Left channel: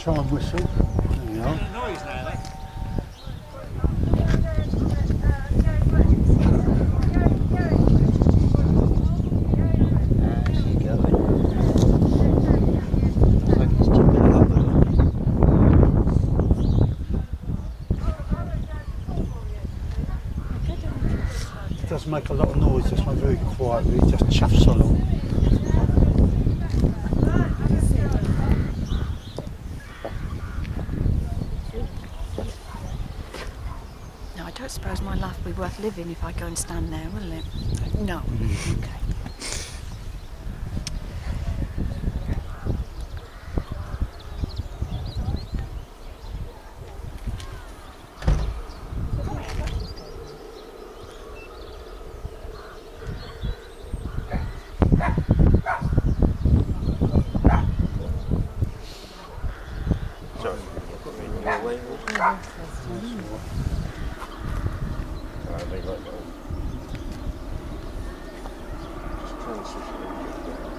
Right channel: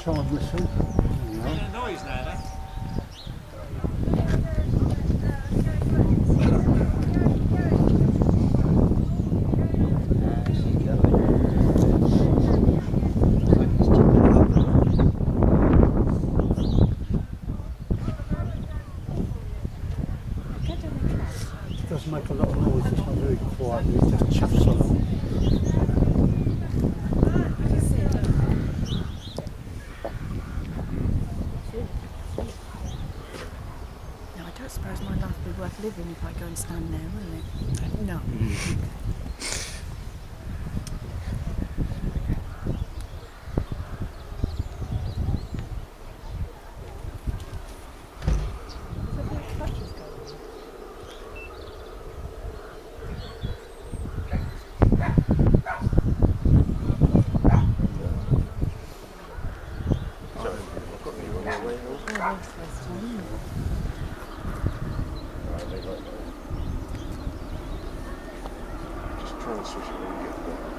Try and whistle. There we are. A noise now, that. She's going. Looks like he's chipping it up with it. It doesn't make a lot of noise, it's not very quiet, it just chuffs along. No, I don't suppose my life will be worth living if I go and stand there, will it? No. Okay. Sorry, I've got the wrong way. Alright, they like that. Just try and switch it when you get there.